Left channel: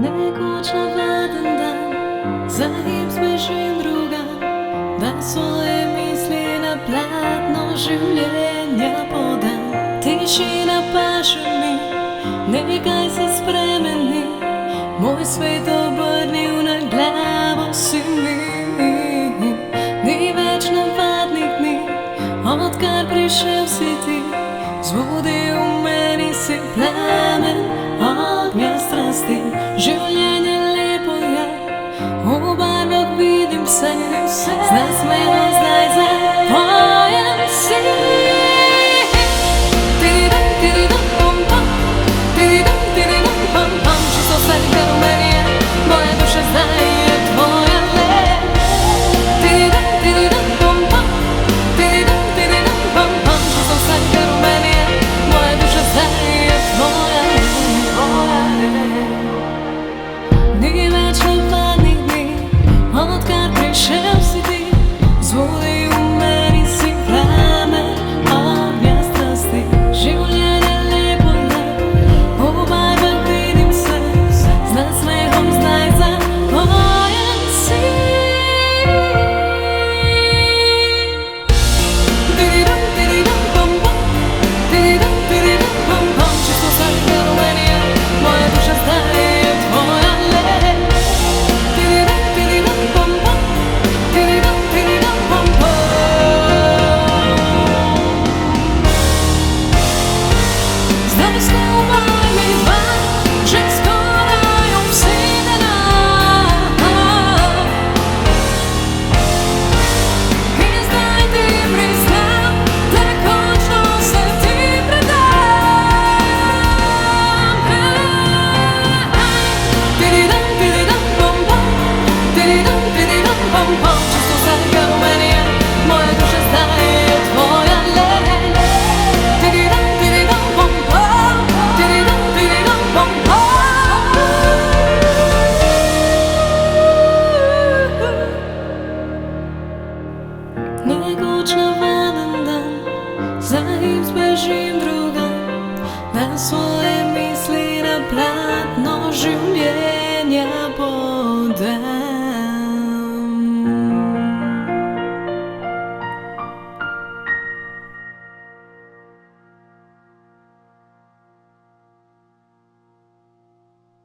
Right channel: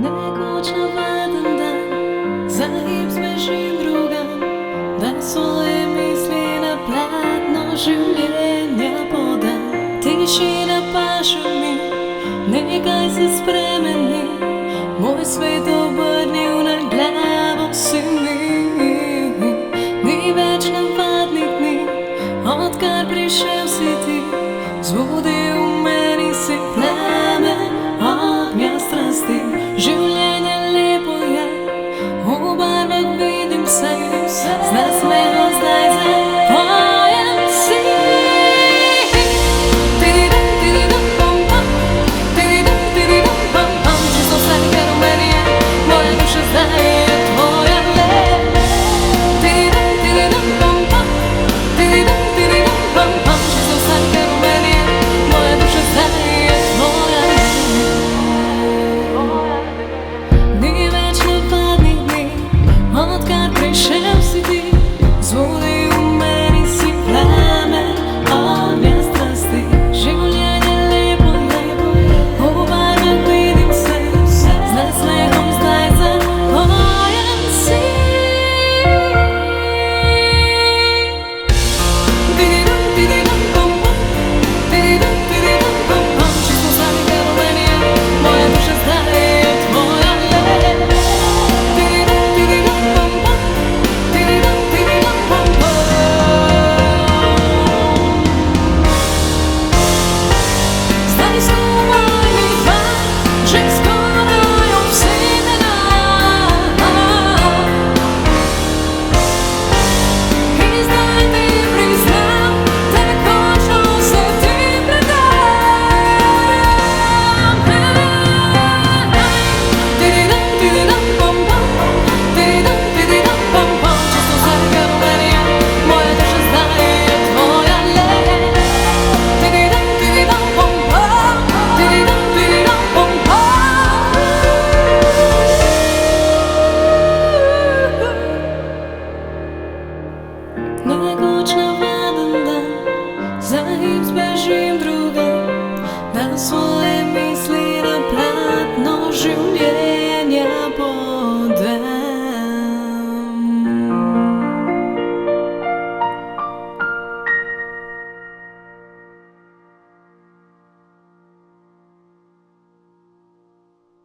Nekoč navaden dan, za hip zbežim drugam, da svoje misli na platno življenja podam. Tišina paše mi, nekaj se spremeni, moj svet obrnil na glavo si mi. Ni več navadnih dni, odkar prišel si ti, zbudil v meni si plamen ognja strasti. Življenje lepo je, v barvah vidim se, z nasmehom zdaj zapojem si. Tididam, tididam, pom, pom, tididam, tididam, pom, pom. Čisto vse, kar v meni je, moja duša zdaj je tvoja le. Tididam, tididam, pom, pom, tididam, tididam, pom, pom. Čisto vse, kar v meni je, moja duša zdaj je tvoja le. Ni več navadnih dni, odkar prišel si ti, zbudil v meni si plamen ognja strasti. Življenje lepo je, v barvah vidim se, z nasmehom zdaj zapojem si. Tididam, tididam, pom, pom, tididam, tididam, pom, pom. Čisto vse, kar v meni je, moja duša zdaj je tvoja le. Tididam, tididam, pom, pom, tididam, tididam, pom, pom. Zdaj skupaj mi dva, že skoraj obsedena, in zdaj ti priznam, da končno se ti predam. Tididam, tididam, pom, pom, tididam, tididam, pom, pom. Čisto vse, kar v meni je, moja duša zdaj je tvoja le. Tididam, tididam, pom, pom, tididam, tididam, pom, pom. Nekoč navaden dan, za hip zbežim drugam, da svoje misli na platno življenja podam.